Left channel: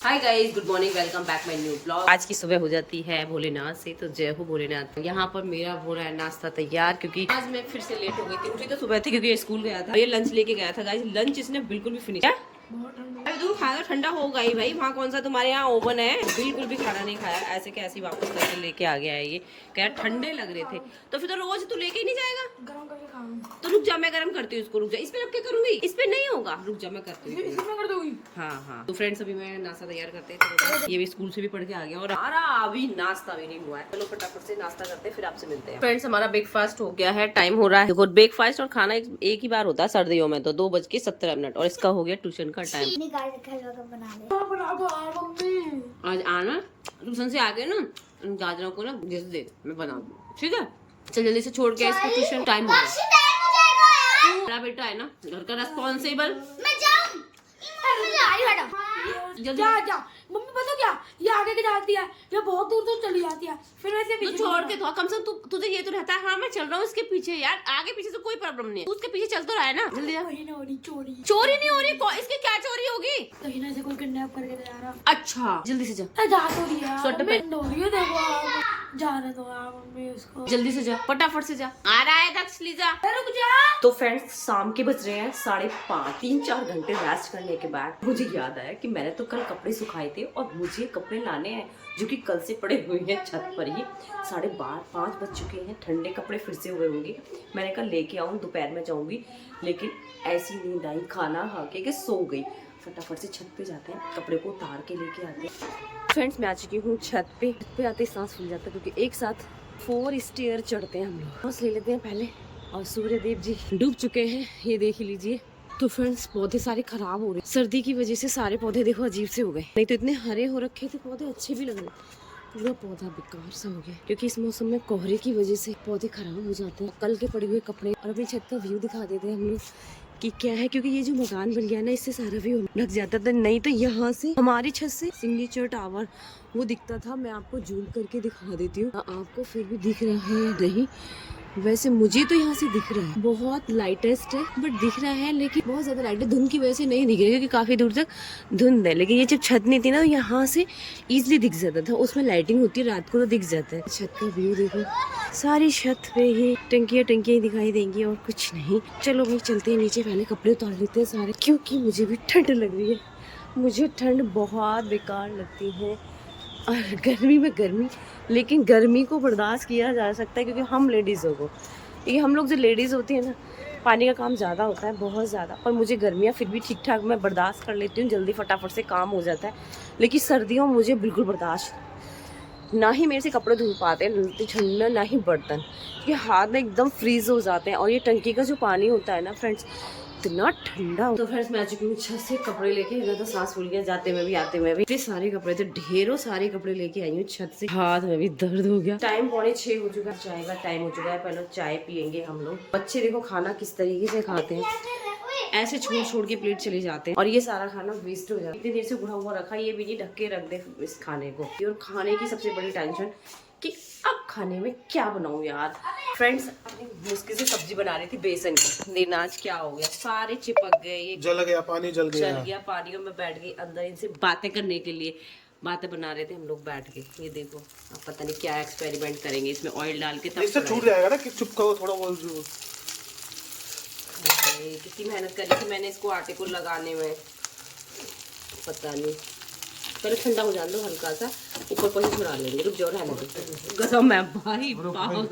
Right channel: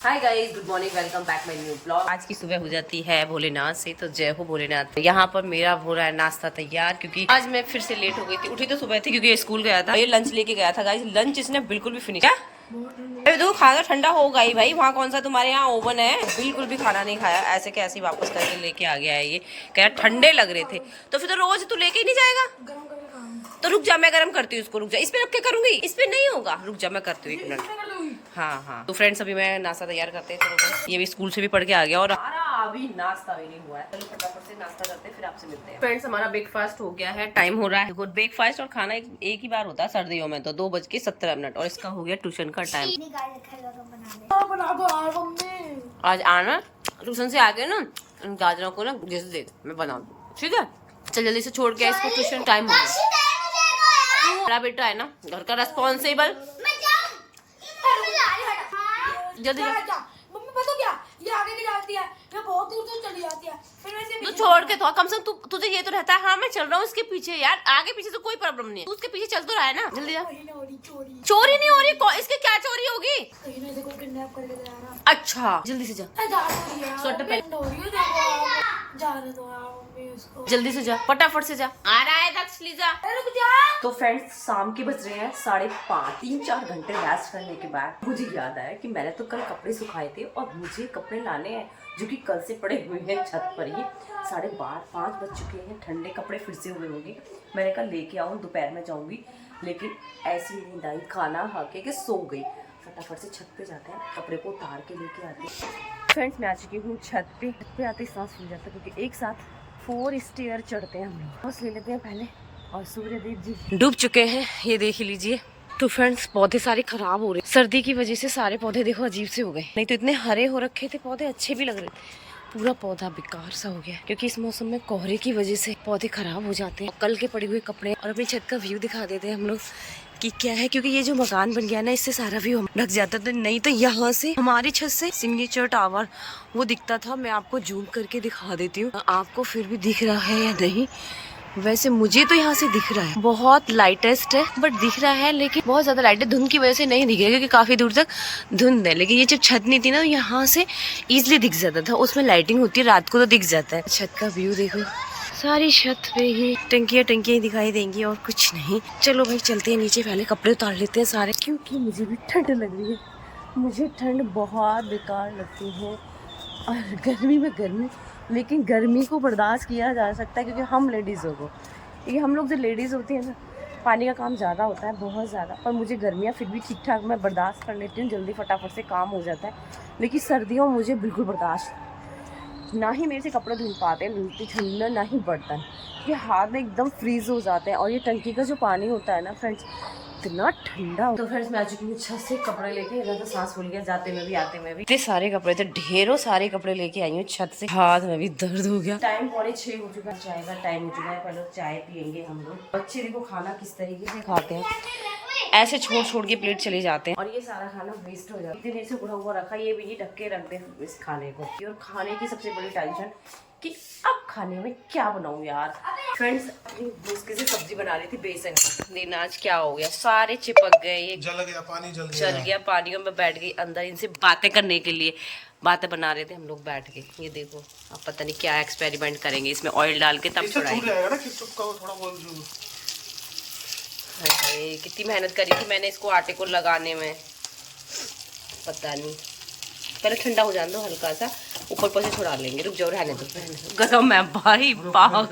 Hi guys, good morning, welcome back my new blog. आज की सुबह हो जाती है भोलेनाथ से, तो जय हो भोलेनाथ। यहाँ पर मेरा हो रहा है नाश्ता तैयार, क्योंकि आज मैं फिर से लेट हो गई थी। उठी तो सुबह थी क्योंकि ये स्कूल गया था। ये लंच लेके गया था गाइस। लंच इसने बिल्कुल भी फिनिश अरे तो खाना ठंडा होगा ही भाई। वहाँ कौन सा तुम्हारे यहाँ ओवन है? बिल्कुल भी खाना नहीं खाया, ऐसे कैसे ही वापस करके लेके आ गया है। ये कह ठंडे लग रहे थे, तो फिर तो रोज तू लेके ही नहीं जाएगा। तो रुक जा, मैं गरम करती हूँ इसको। रुक जा, इस पे रख के करूंगी। इस पे नहीं होगा, रुक जा, मैं करती हूँ 1 मिनट। हाँ हाँ, तो फ्रेंड्स अभी मैं नाश्ता तैयार करते हैं। चलो, ये भी स्कूल से भी पढ़ के आ गया और हमारा अभी नाश्ता भी नहीं हुआ है। चलो फटाफट से नाश्ता करते हैं, फिर आपसे मिलते हैं। फ्रेंड्स हमारा ब्रेकफास्ट हो गया है, टाइम हो रहा है। देखो, ब्रेकफास्ट और खाना एक ही बार होता है सर्दियों में, तो 2:17 और इसका हो गया ट्यूशन का टाइम। आज आना ट्यूशन से आके ना, गाजरों को ना जैसे दे, मैं बना दूँ, ठीक है? चल जल्दी से छोड़ के इसको ट्यूशन, टाइम हो गया। मेरा बेटा है ना घर का रेस्पॉन्सिबल। जल्दी मम्मी पता क्या, ये आगे दिखाती है, ये बहुत दूर दूर चली जाती है, फिर वैसे तो छोड़ के तो कम से कम तुझे ये तो रहता है, हाँ मैं चल रहा हूँ उसके पीछे। यार आगे पीछे तो कोई प्रॉब्लम नहीं है, तू उसके पीछे चल तो रहा है ना। जल्दी जा। चोरी चोरी नहीं हो रही, इसके क्या चोरी होगी? कहीं ना कोई किडनैप करके ले जा रहा। अच्छा जल्दी से जा। जा तो रही है, सोटे पे देखो आप, जाने दो आप मम्मी उसको। जल्दी से जा, फटाफट से जा। आ रहा है दक्ष, लीजा। रुक जा। तो फ्रेंड्स शाम के बज रहे हैं 5:30। 3-4 घंटे रेस्ट करने के बाद मुझे याद आया कि मैंने तो कल कपड़े सुखाए थे और मुझे कपड़े लाने हैं, जो कि कल से पड़े हुए हैं छत पर ही। 5:30 बज चुके हैं, ठंडे कपड़े फिर से हुए होंगे। मैंने कहा लेके आऊँ, दोपहर में जाऊँगी, लेकिन ऐसी नींद आई, खाना खा के सो गई। फटाफट से छत पे जाते हैं, कपड़े को उतार के लेके आते हैं। फ्रेंड्स मैं आ चुकी हूँ छत पे आते ही सांस फूल जाता है, क्योंकि एक साथ 4 स्टेयर चढ़ते हैं हम लोग। सांस ले लेते हैं पहले, और सूर्य देव जी डूब चुके हैं, ये देख ही लीजिए। तो फ्रेंड्स पौधे सारे खराब हो रहे, सर्दी की वजह से सारे पौधे देखो अजीब से हो गए। नहीं तो इतने हरे हो रखे थे पौधे, अच्छे भी लग रहे थे। पूरा पौधा बेकार सा हो गया, क्योंकि इस मौसम में कोहरे की वजह से पौधे खराब हो जाते हैं। कल के पड़े हुए कपड़े और अपनी छत का व्यू दिखा देते हैं हम लोग कि क्या है, क्योंकि ये जो मकान बन गया ना, इससे सारा व्यू ढक जाता था। नहीं तो यहाँ से हमारी छत से सिग्नेचर टावर वो दिखता था। मैं आपको जूम करके दिखा देती हूँ, आपको फिर भी दिख रहा है या नहीं। वैसे मुझे तो यहाँ से दिख रहा है, बहुत लाइटेस्ट है बट दिख रहा है, लेकिन बहुत ज्यादा लाइट है। धुंध की वजह से नहीं दिख रहा, क्योंकि काफी दूर तक धुंध है। लेकिन ये जब छत नहीं थी ना, यहाँ से इजिली दिख जाता था। उसमें लाइटिंग होती है, रात को तो दिख जाता है। छत का व्यू देखो, सारी छत पे ही टंकियां दिखाई देंगी और कुछ नहीं। चलो भाई चलते हैं नीचे, पहले कपड़े उतार लेते हैं सारे, क्योंकि मुझे भी ठंड लग रही है। मुझे ठंड बहुत बेकार लगती है, और गर्मी में गर्मी, लेकिन गर्मी को बर्दाश्त किया जा सकता है, क्योंकि हम लेडीज़ों को, क्योंकि हम लोग जो लेडीज़ होती है ना, पानी का काम ज़्यादा होता है, बहुत ज़्यादा। पर मुझे गर्मियाँ फिर भी ठीक ठाक मैं बर्दाश्त कर लेती हूँ, जल्दी फटाफट से काम हो जाता है। लेकिन सर्दियों में मुझे बिल्कुल बर्दाश्त, ना ही मेरे से कपड़े धुल पाते हैं ठंडा, ना ही बर्तन, ये हाथ में एकदम फ्रीज हो जाते हैं। और ये टंकी का जो पानी होता है ना फ्रेंड्स, इतना ठंडा। तो फ्रेंड्स मैं आ चुकी हूँ छत से, कपड़े लेके। इधर तो सांस फूल गया, जाते में भी आते में भी। इतने सारे कपड़े थे, ढेरों सारे कपड़े लेके आई हूँ छत से। हाथ में भी दर्द हो गया। टाइम 5:45 हो चुका है, चाय का टाइम हो चुका है। पहले चाय पियेंगे हम लोग। बच्चे देखो खाना किस तरीके से खाते हैं, ऐसे छोड़ के प्लेट चले जाते हैं, और ये सारा खाना वेस्ट हो जाता है। इतनी देर से उड़ा हुआ रखा, ये भी नहीं ढक के रख दे इस खाने को। और खाने की सबसे बड़ी टेंशन कि अब खाने में क्या बनाऊं यार। फ्रेंड्स मुश्किल से सब्जी बना रही थी बेसन की, लेकिन आज क्या हो गया, सारे चिपक गए। ये जल गया, पानी जल गया पानी में। मैं बैठ गई अंदर इनसे बातें करने के लिए, बातें बना रहे थे हम लोग बैठ के। ये देखो, अब पता नहीं क्या एक्सपेरिमेंट करेंगे इसमें, ऑयल डाल के तब जाएगा ना कि चिपका थोड़ा बहुत। कितनी मेहनत करी थी मैंने इसको आटे को लगाने में, पता नहीं। पहले ठंडा हो जाने दो हल्का सा, ऊपर पर से छुड़ा लेंगे। रुक जाओ, रहने दो। गरम है भाई, बहुत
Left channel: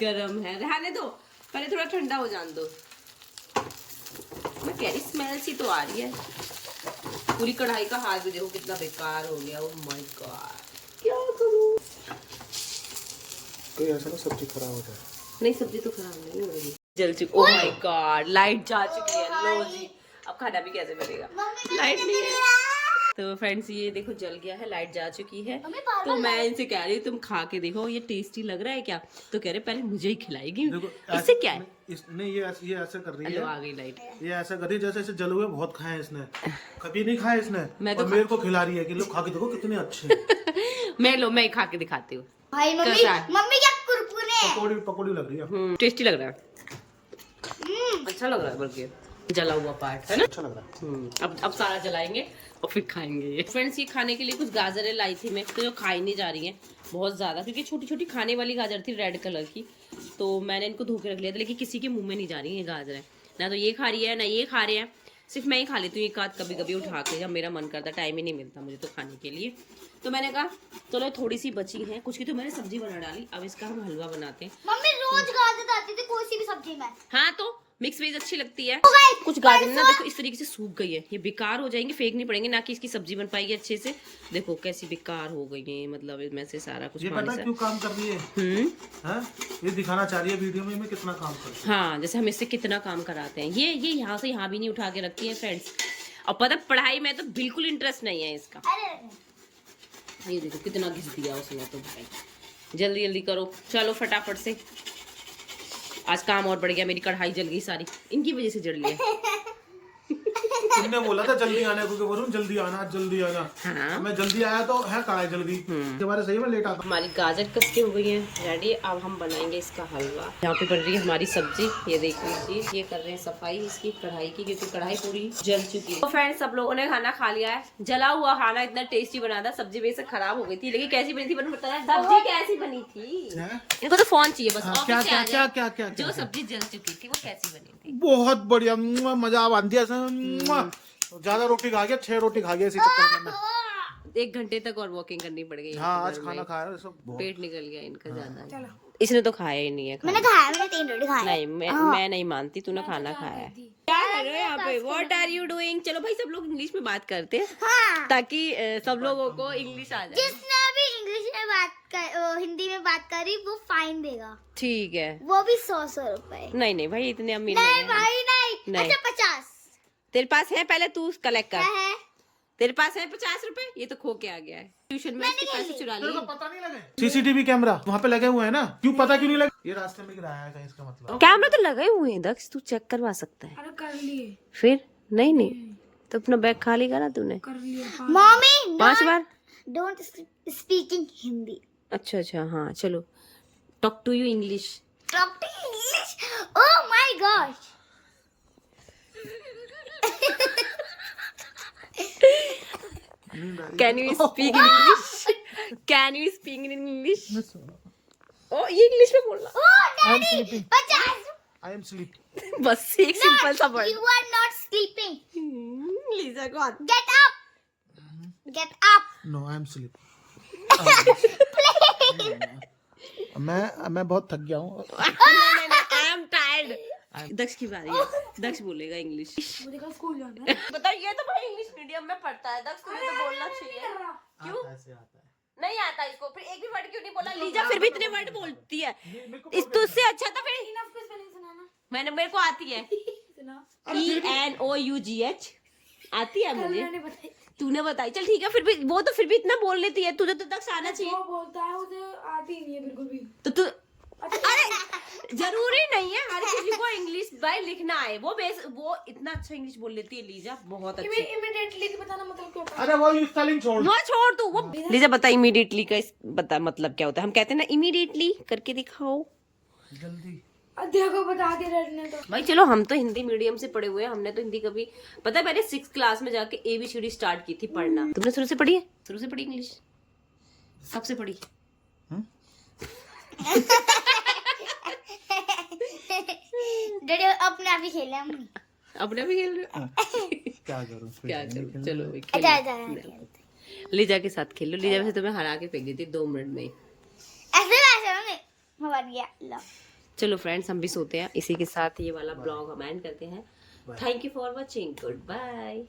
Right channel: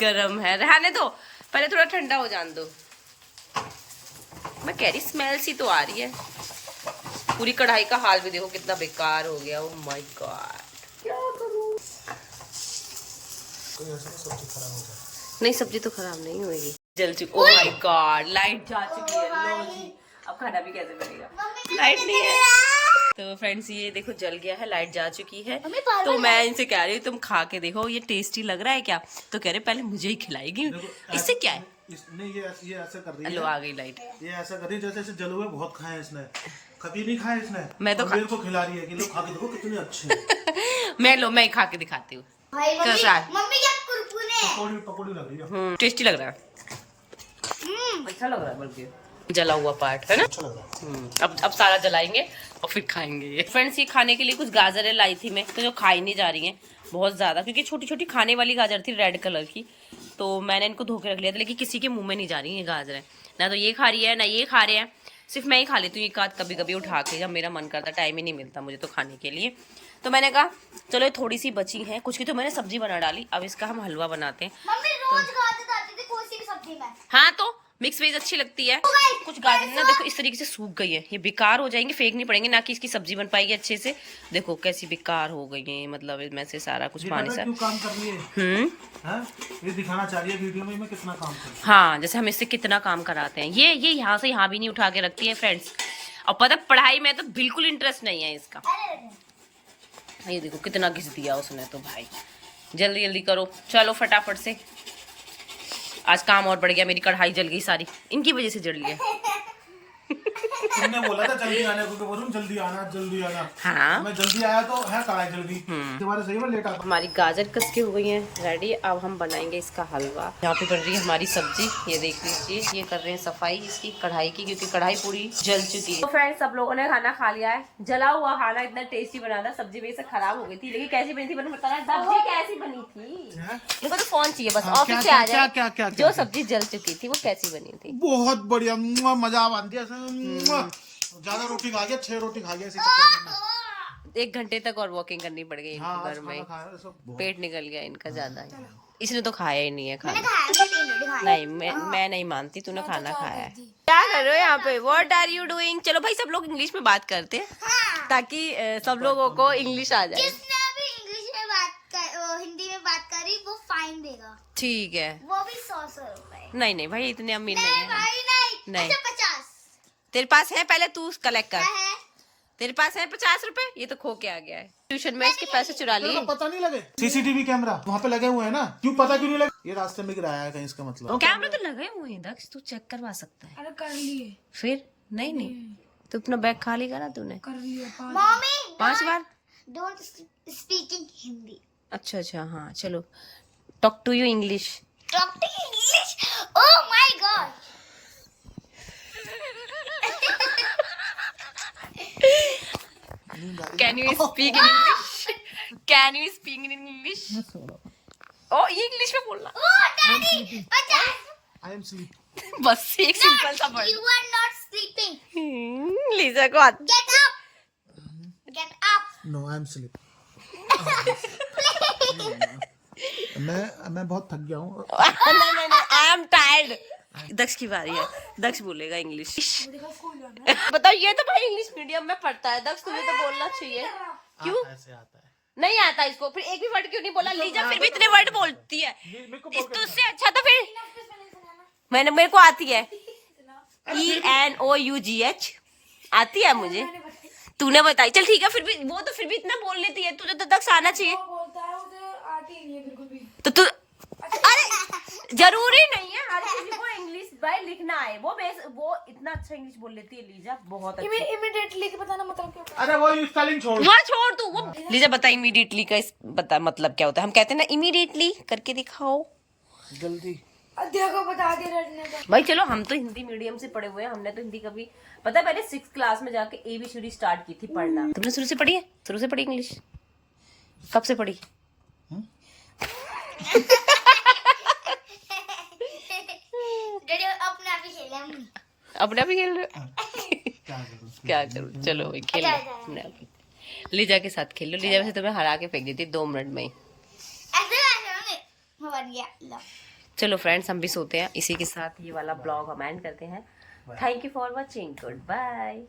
गरम है, रहने दो, पहले थोड़ा ठंडा हो जाने दो। मैं कह रही स्मेल सी तो आ रही है। पूरी कढ़ाई का हाल भी देखो कितना बेकार हो गया। ओह माय गॉड, क्या करूं? कोई ऐसा सब्जी खराब हो जाए? नहीं, सब्जी तो खराब नहीं होगी। जल चुकी। ओह माय गॉड, लाइट जा चुकी है। लो जी, अब खाना भी कैसे बनेगा, लाइट नहीं है। तो फ्रेंड्स ये देखो जल गया है, लाइट जा चुकी है। तो मैं इनसे कह रही हूँ तुम खा के देखो, ये टेस्टी लग रहा है क्या? तो कह रहे पहले मुझे ही खिलाएगी, इससे क्या है? नहीं ये ऐसे कर रही है। लो आ गई लाइट। ये ऐसा कर रही है जैसे ऐसे जल हुए बहुत खाए इसने, कभी नहीं खाए इसने। मैं तो मेरे को खिला रही है कि लो खा के देखो कितने अच्छे। मैं खा के दिखाती हूँ कैसा है। पकौड़ी लग रही है। टेस्टी लग रहा है, अच्छा लग रहा है बल्कि। जला हुआ पार्ट है ना। अच्छा लग रहा है। अब सारा जलाएंगे और फिर खाएंगे। फ्रेंड्स ये खाने के लिए कुछ गाजरें लाई थी मैं, तो जो खाई नहीं जा रही हैं बहुत ज़्यादा, क्योंकि छोटी छोटी खाने वाली गाजर थी रेड कलर की, तो मैंने इनको धो के रख लिया था, लेकिन किसी के मुंह में नहीं जा रही है गाजरें। ना तो ये खा रही है ना ये खा रहे हैं, सिर्फ मैं ही खा लेती हूँ एक आध कभी कभी उठा के, जब मेरा मन करता, टाइम ही नहीं मिलता मुझे तो खाने के लिए। तो मैंने कहा चलो थोड़ी सी बची है, कुछ की तो मैंने सब्जी बना डाली, अब इसका हम हलवा बनाते हैं। मम्मी रोज गाजर डालती थी कोई सी भी सब्जी में। हाँ तो मिक्स वेज अच्छी लगती है। कुछ गाजर ना देखो इस तरीके से सूख गई है, ये बेकार हो जाएंगे, फेंकनी पड़ेंगे, ना कि इसकी सब्जी बन पाएगी अच्छे से। देखो कैसी बेकार हो गई है, मतलब इसमें से सारा कुछ पानी सा। क्यों काम कर रही है? हाँ? ये दिखाना चाह रही है वीडियो में मैं कितना काम कर रही हूँ। हाँ जैसे हम इससे कितना काम कराते हैं। ये यहाँ से यहाँ भी नहीं उठा के रखती है फ्रेंड्स। और पता पढ़ाई में तो बिल्कुल इंटरेस्ट नहीं है इसका। ये देखो कितना घिस दिया उसने तो भाई। जल्दी जल्दी करो, चलो फटाफट से। आज काम और बढ़ गया, मेरी कढ़ाई जल गई सारी, इनकी वजह से जल लिया। तुमने बोला था जल्दी आने को, वरुण जल्दी आना जल्दी आना। हाँ मैं जल्दी आया तो है कढ़ाई जल गई, तुम्हारे सही में लेट आता। हमारी गाजर कस के हो गई है रेडी। अब हम बनाएंगे इसका हलवा। यहाँ पे बन रही है हमारी सब्जी, ये देख लीजिए। ये कर रहे हैं सफाई इसकी कढ़ाई की, क्योंकि कढ़ाई पूरी जल चुकी है। तो फ्रेंड्स सब लोगों ने खाना खा लिया है। जला हुआ खाना इतना टेस्टी बना था, सब्जी बेशक खराब हो गई थी, लेकिन कैसी बनी थी मैंने बताया। सब्जी कैसी बनी थी इनको तो फोन चाहिए बस, ऑफिस से आ जाए। जो सब्जी जल चुकी थी वो कैसी बनी थी? बहुत बढ़िया, मजा आ दिया। ज्यादा रोटी खा गया, 6 रोटी खा गया इसी चक्कर में। 1 घंटे तक और वॉकिंग करनी पड़ गई हाँ, घर में, बहुत। पेट निकल गया इनका ज्यादा ही। इसने तो खाया ही नहीं है खाना। नहीं मैं नहीं मानती, तूने खाना खाया है। क्या कर रहे हो यहाँ पे? What are you doing? चलो भाई सब लोग इंग्लिश में बात करते हैं, ताकि सब लोगों को इंग्लिश आ जाए। जिसने भी इंग्लिश में हिंदी में बात करी वो फाइन देगा। ठीक है, वो भी 100 रुपए। नहीं नहीं भाई इतने अमीर नहीं है। भाई नहीं। अच्छा 50। तेरे पास है, पहले तू कलेक्ट कर। है? तेरे पास है 50 रुपए? ये तो खो के आ गया है ट्यूशन में, इसके पैसे चुरा लिए। पता नहीं लगे सीसीटीवी कैमरा वहाँ पे लगे हुए हैं ना, क्यों पता क्यों नहीं लगे? ये रास्ते में गिराया है कहीं, इसका मतलब कैमरा तो लगे हुए हैं दक्ष, तू चेक करवा सकता है। अरे कर लिए। फिर नहीं तो अपना बैग खाली करा तूने? कर लिए। मम्मी 5 बार। Don't speak in Hindi. अच्छा हाँ चलो, talk to you English. Talk to English. Oh my god. Can you speak in English? Can you speak in English? ओ ये इंग्लिश में बोलना। Oh daddy 50। I am sleep. बस एक सिंपल सा word. You are not sleeping. Lisa को आती। Get up. Get up. No I am sleep. मैं बहुत थक गया हूँ। नहीं आई एम टायर्ड। दक्ष की बारी है, दक्ष बोलेगा इंग्लिश। बताओ, ये तो भाई इंग्लिश मीडियम में पढ़ता है दक्ष, तुम्हें तो बोलना चाहिए। क्यों ऐसे आता है? नहीं आता इसको? फिर एक भी वर्ड क्यों नहीं बोला? लीजा फिर भी इतने वर्ड बोलती है, इस तो उससे अच्छा था। फिर मेरे को आती है ENOUGH आती है मुझे, तूने बताई। चल ठीक है, फिर भी वो तो फिर भी इतना बोल लेती है, तुझे तो तक आना चाहिए। बोलता है उसे आती नहीं है बिल्कुल भी। तो तू अरे जरूरी नहीं है हर किसी को इंग्लिश भाई लिखना है। वो इतना अच्छा इंग्लिश बोल लेती है लीजा, बहुत अच्छी। इमीडिएटली के बताना मतलब क्या? अरे वो स्पेलिंग छोड़। वो छोड़ तू, वो लीजा बता इमीडिएटली का बता मतलब क्या होता है? हम कहते हैं ना इमीडिएटली करके दिखाओ जल्दी। देखो बता दे रटने का। भाई चलो, हम तो हिंदी मीडियम से पढ़े हुए हैं, हमने तो हिंदी कभी, पता है मैंने 6th क्लास में जाके ABCD स्टार्ट की थी पढ़ना। तुमने शुरू से पढ़ी है? शुरू से पढ़ी इंग्लिश? कब से पढ़ी? डैडी अपने आप ही खेला हम। अपने आप ही खेल रहे हो? क्या करूँ चलो भाई खेलो अपने आप ही। लीजा के साथ खेलो। लीजा वैसे तुम्हें हरा के फेंक देती 2 मिनट में ही। ऐसे हो गया लो। चलो फ्रेंड्स हम भी सोते हैं। इसी के साथ ये वाला ब्लॉग हम एंड करते हैं। Thank you for watching, good bye.